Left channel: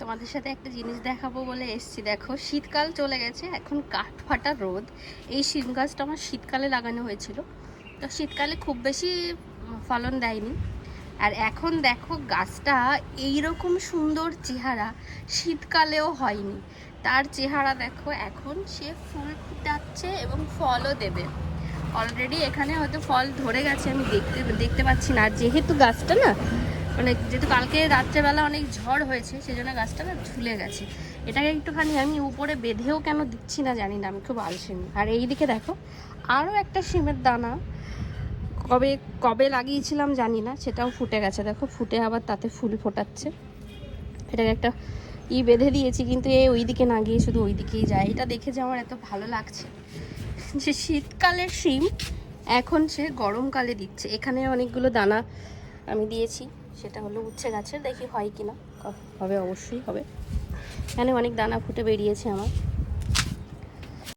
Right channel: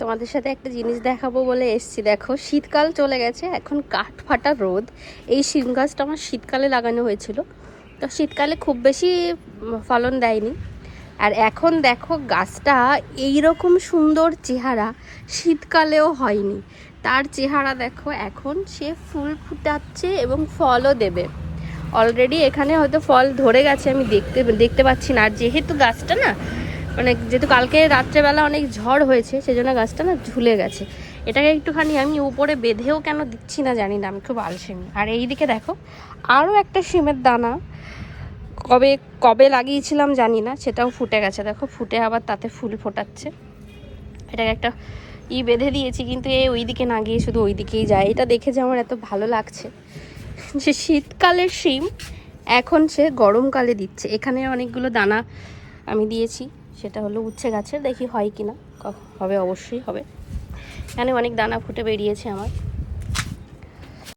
তোমাদের সাথে একটা জিনিস দেখাবো বলে এসছি। দেখো, শীতকাল চলে গেছে, এখন কাঠ ফাটা রোদ। এই শিম গাছটা আমার শীতকালে লাগানো হয়েছিল, তো শীতকালে খুব বেশি ফলন দেয়নি। আর এখন দেখো গাছটা এইরকম সুন্দর চেহারা, শীতকালেও হয়নি। তার চেহারা দেখো, এখন সে ফুল ফুটাচ্ছে এবং ফলও দেবে। অলরেডি এখানে হয়তো ফল ধরে গেছে, আমি দেখতে পাচ্ছি না। আর যেহেতু গাছটা না, মানে যেহেতু কালকে রাত্রেবেলা অনেক ঝড় হয়েছে, সেজন্য গাছটা না ঝুলে গেছে। এটাকে একটুখানি আমি উপরে বেঁধেও কেন দিচ্ছি না জানি না, আমি খুব আলসেমি। আর এই দিকে দেখো আরও একটা শিমের দানা কবে কবে লাগিয়েছিলাম জানি না, সেটাও ফুটে গেছে। দেখো ফুটে আবার তাতে ফুল ফোটাচ্ছে। এটাকে একটা বেঁধে দিয়েছি, কিন্তু ওই দিকে না গিয়ে শুধু ওই দিকেই যায়। এটা দেখে যে আমার এত ভালো লাগছে যে শীতকালের শিম এখন সে গরমকালে দিচ্ছে। এখানে অনেকগুলো দানা আমি দিয়েছি, সেটা হলো উচ্ছে গাছের, দেখি হয় কি না। হবে, অবশ্যই হবে। এখানে অনেক দানা ফুটে বেরিয়েছে আমার।